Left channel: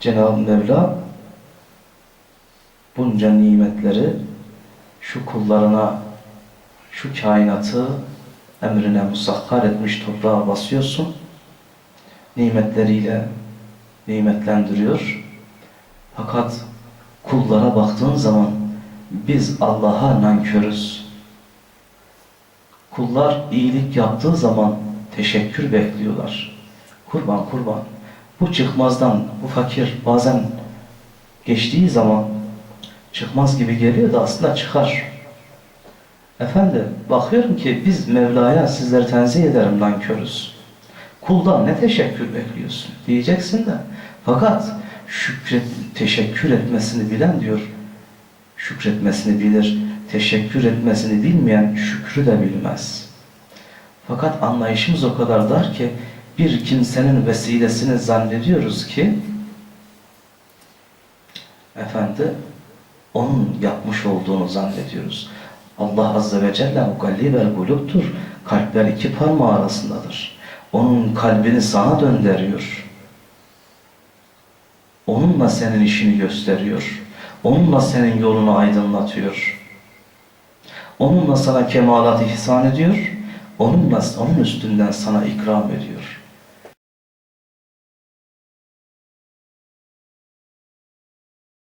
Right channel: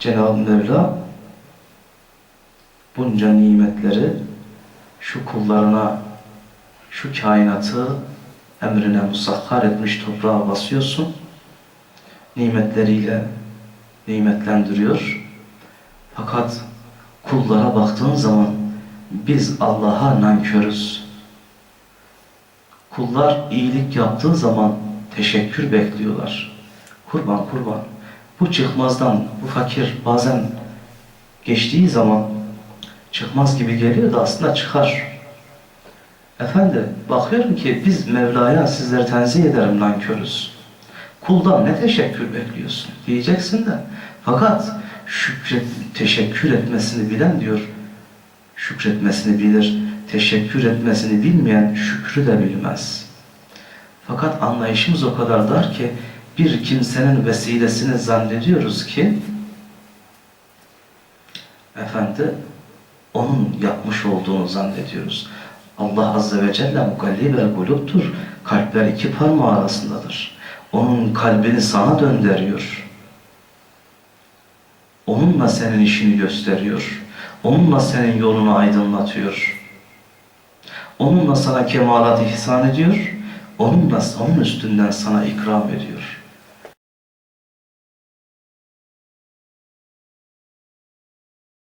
Cenab-ı Mevla bunca nimetleri şu kullarına, şu kainatı emrine musakhar etmiş toprağa basıyorsun. Nimetleriyle nimetlendiriyor. Fakat kullara baktığın zaman biz Allah'a nankörüz. Kullar iyilik yaptığı zaman teşekkür bekliyorlar. Kurban kurban. Bu çıkmazdan bu fakir bazen geçtiği zaman çıkmaz gibi geliyor da aslında çıkar. Efendi bakıyorum ki biz Mevla'ya sizleri tenzih ederim nankörüz. Kuldan ne teşekkür bekliyorsun diyeceksin de fakat şükret, teşekkür etmesini bilen diyor şükretmesini bilir. Teşekkür etmesini bilmeyen şükrü de bilmez. Fakat anlayışımız o kadar dar ki bir kimsenin vesilesini zannediyoruz ki efendi onun yapmış olduğunu zannediyoruz. Allah Azze ve Celle mugallibel kuluptur. Kalpler iki parmağı arasındadır. Onun kalbini sana döndürüyor. Onunla senin işini gösteriyor. Onunla senin yolunu aydınlatıyor. Onunla sana kemalat ihsan ediyor. Onunla onun üstünden sana ikram ediyor.